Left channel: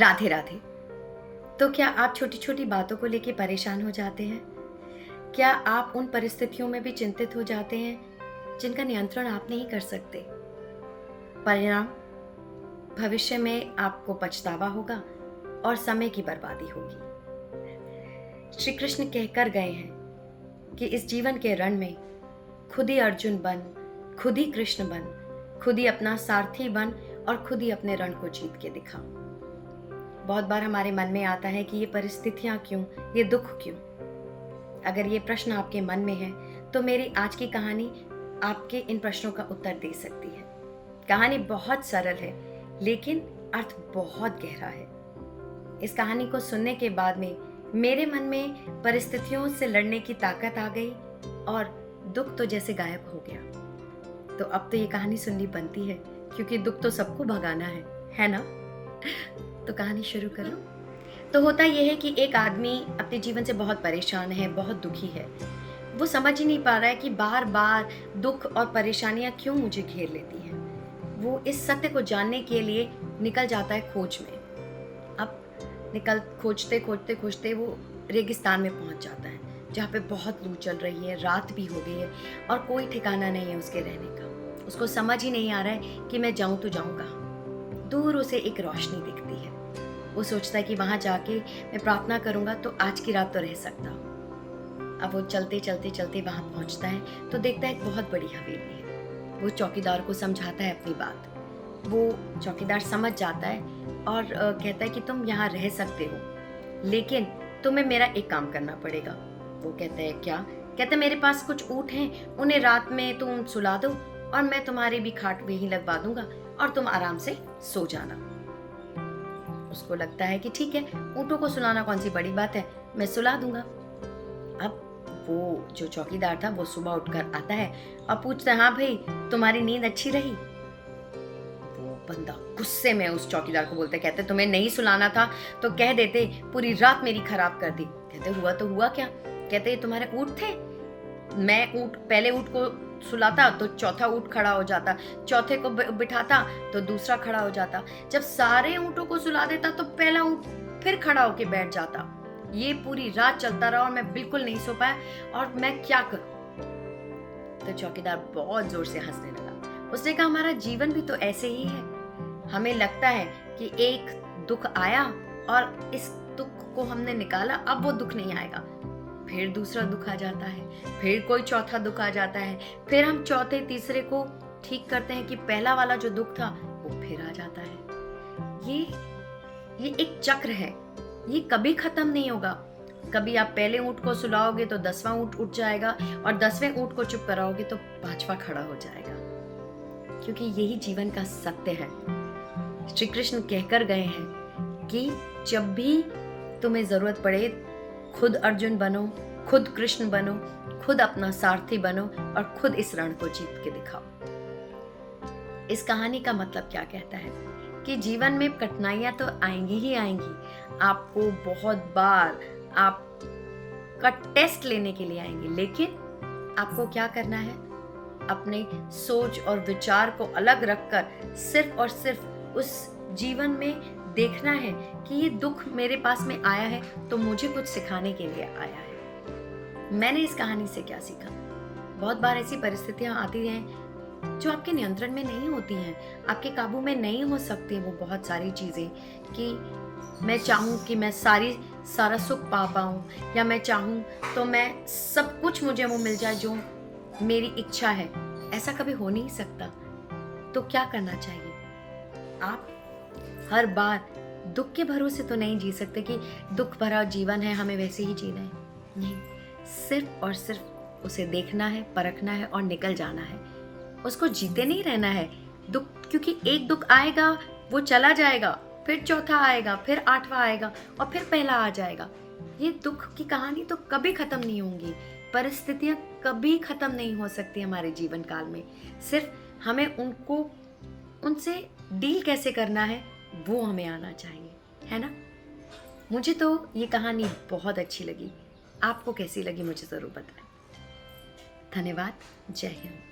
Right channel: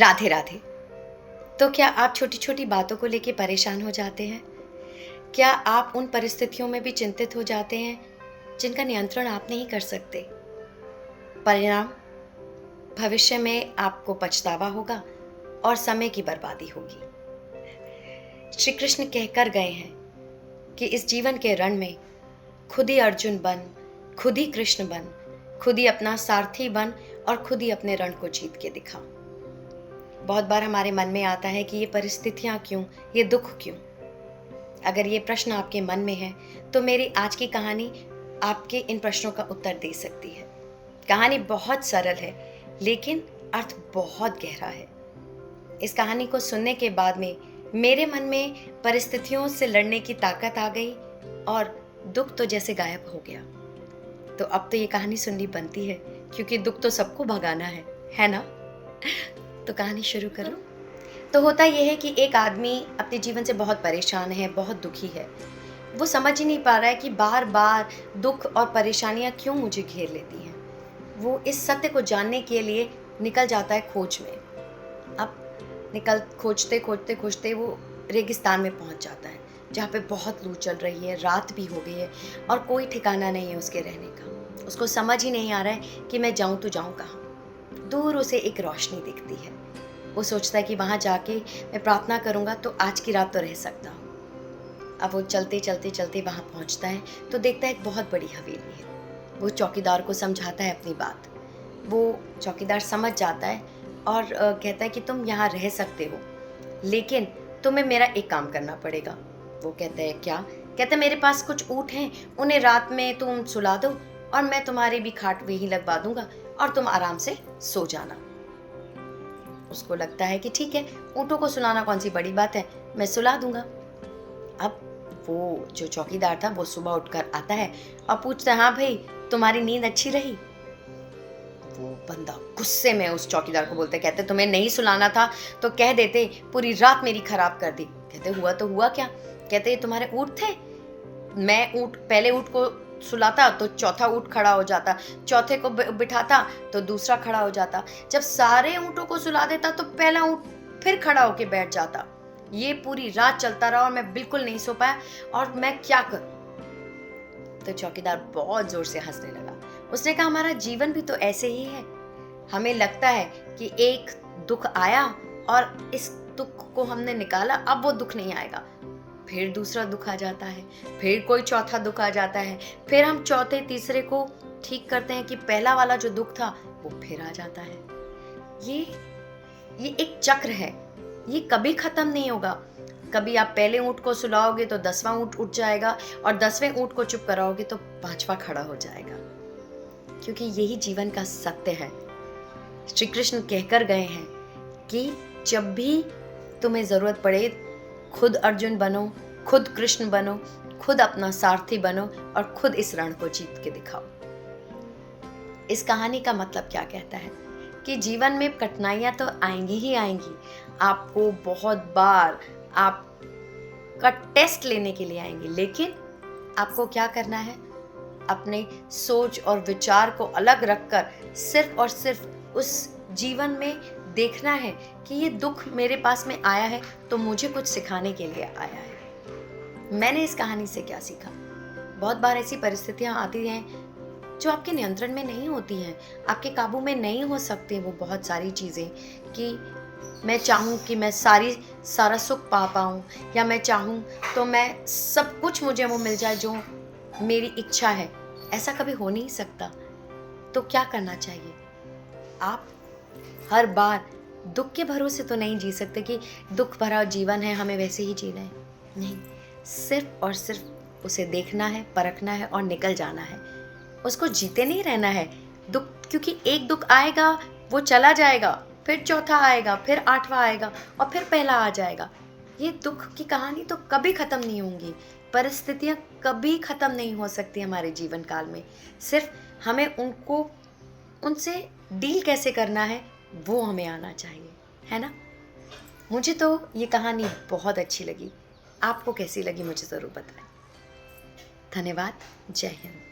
राधे राधे। तो क्या आप छोटी छोटी बातों को लेके परेशान हो जाते हैं? क्या आप उन परिस्थितियों में भी चिंतित हो जाते हैं जिनका नियंत्रण आप नहीं कर सकते? परिणाम भविष्य में आपको पछतावा होगा और समय की बर्बादी होगी। श्री कृष्ण कहकर गए हैं कि इस जीवन के रण में खुद ही अर्जुन बन, खुद ही कृष्ण बन, खुद ही अपना सारथी बन और खुद ही अपने रण को जीत के दिखा। बहुत बार हमारे मन में आता है कि ये परिस्थितियां क्यों, ये दुख क्यों? अगर ये प्रश्न आपके मन में है तो मेरी आज की कहानी आपके इन प्रश्नों का उत्तर दे सकती है। कहानी बहुत सरल है लेकिन अर्थ बहुत गहरा है। इस कहानी को सुनने के बाद में मेरे मन में परिस्थितियों से लड़ने की ताकत आ गई और दुख तो जैसे गायब हो गया। तो अब तो ये कहानी सुननी बनती है क्योंकि दुख तो सबको भगाना है ना? तो कहानी शुरू करो। तो होता यह है कि एक आदमी अपने जीवन से बहुत परेशान है, बहुत दुखी है। वो समझ ही नहीं पा रहा है कि बार बार दुख और परेशानियां क्यों मुझे घेर लेती हैं। वो इस सत्य को जानने के लिए निकल जाता है खोज में। अब खोजते खोजते खोजते वो रेगिस्तान में पहुंच जाता है जहाँ पे बहुत लू चल रही है, रात भी हो गई है और कोई ठिकाना नहीं है उसके रहने का। उसको समझ ही नहीं आ रहा है कि मैं जाऊं तो जाऊं कहाँ। दूर उसे एक रोशनी दिखती है। वो सोचता है कि वहां जाके मैं प्रार्थना करूंगा तो आज की रात तो रह सकता हूँ। अब वो चलते चलते चलते वहां पहुंचता है तो देखता है एक बहुत बड़ी हवेली है। वो चौकीदार को समझाता है अपनी बात। वो चौकीदार समझ जाता है और कहता है कि तुम यहाँ रह सकते हो लेकिन तुम्हें मेरा एक काम करना पड़ेगा। वो कहता है क्या? कहता है मेरे पास कुछ ऊँट हैं, उन्हें रात में तुम सुला दो और मैं तुम्हारी भी खाट वहीं लगवा दूंगा और तुम आराम से सो जाना। उसको लगता है कि ठीक है, ऊँटों को सुलाना कौन सी बड़ी बात है, मैं सुला दूंगा। अब वो जो चौकीदार था वो सुबह उठकर आता है और पूछता है हाँ भाई तुम्हारी नींद अच्छी रही? वो बंदा गुस्से में उस चौकीदार को बोलता है, कहते तुम्हें नहीं सुलाना था तो कह देते, पूरी रात मेरी खराब कर दी। कहते हुआ तो हुआ क्या? कहते तुम्हारे ऊँट थे, मैं पहले ऊँट को सुलाता तो चौथा ऊँट खड़ा हो जाता, चौथे को बिठाता तो दूसरा खड़ा हो जाता, जब सारे ऊँटों को सुला देता तो पहला ऊँट फिर खड़ा होके बैठ जाता। ये पूरी रात चलता रहा और मैं बिल्कुल नहीं सो पाया और मैं क्या करूं? तो चौकीदार बहुत जोर से हंसने लगा। उसने कहा हमारा जीवन भी तो ऐसे ही है। हमें लगता है कि एक दुख आया और इस दुख को हमने निकाला, अब वो दुख नहीं आएगा। फिर दूसरा दुख आ जाता है, फिर कोई चौथा दुख आ जाता है, फिर हम चौथे तीसरे को ठीक करते हैं कि पहला वाला जो दुख था वो फिर आ जाता है। ये एक चक्र है, ये कभी खत्म नहीं होगा। कभी आप पहले ऊँट को सुलाओगे तो 10वां ऊँट उठ जाएगा और 10वें ऊँट को चुप कराओगे तो 5वां खड़ा हो जाएगा, क्योंकि यही जीवन का सत्य है। श्री कृष्ण कहकर गए हैं कि जब भी तुम्हें जरूरत पड़े खुद अर्जुन बनो, खुद कृष्ण बनो, खुद अपना सारथी बनो और खुद इस रण को जीत के दिखाओ। इस कहानी का मतलब क्या कहता है कि जीवन में कठिनाइयां तो आएंगी ही आएंगी। आपको बहुत बार आपका टेस्ट लेने के लिए आएंगी, लेकिन आपको क्या करना है? अपने सोच और विचार को अलग रखकर सिर्फ और सिर्फ उस जीवन में देखना है कि ये दुख मेरे पास में आया है तो मुझे कुछ सिखाने के लिए आया है। मैंने इस कहानी से क्या सीखा? बहुत बार ऐसी परिस्थितियां आती हैं जो आपके नियंत्रण में नहीं होती हैं, आपके काबू में नहीं हो सकती वो बहुत सारी चीज़ें, कि मैं चाहूँ कि मैं सारा सुख पा पाऊँ या मैं चाहूँ तो मैं सब कुछ मुझे वो मिल जाए जो मेरी इच्छा है। ऐसा कभी हो नहीं सकता। तो क्या करना चाहिए? आप हर बार दुख के भरोसे तो नहीं जी सकते कि दुख भरा जीवन है हमें वैसे ही जीना है। नहीं, सिर्फ और सिर्फ उसे देखना है, परखना है और निकल जाना है। उसको जीते नहीं रहना है दुख, क्योंकि एक दुख आएगा वो चला जाएगा, फिर चौथा आएगा, फिर 8वां आएगा और फिर पहला आ जाएगा। ये दुख की कहानी तो कभी खत्म नहीं होंगी। परिस्थितियां कभी खत्म नहीं हो सकती हमारे जीवन काल में। सिर्फ हमें उनसे डील कैसे करना है वो हमें आना चाहिए, है ना? मुझे तो ये कहानी बहुत अच्छी लगी। आपको कैसी लगी मुझे ज़रूर बताएं। धन्यवाद। जय हिंद।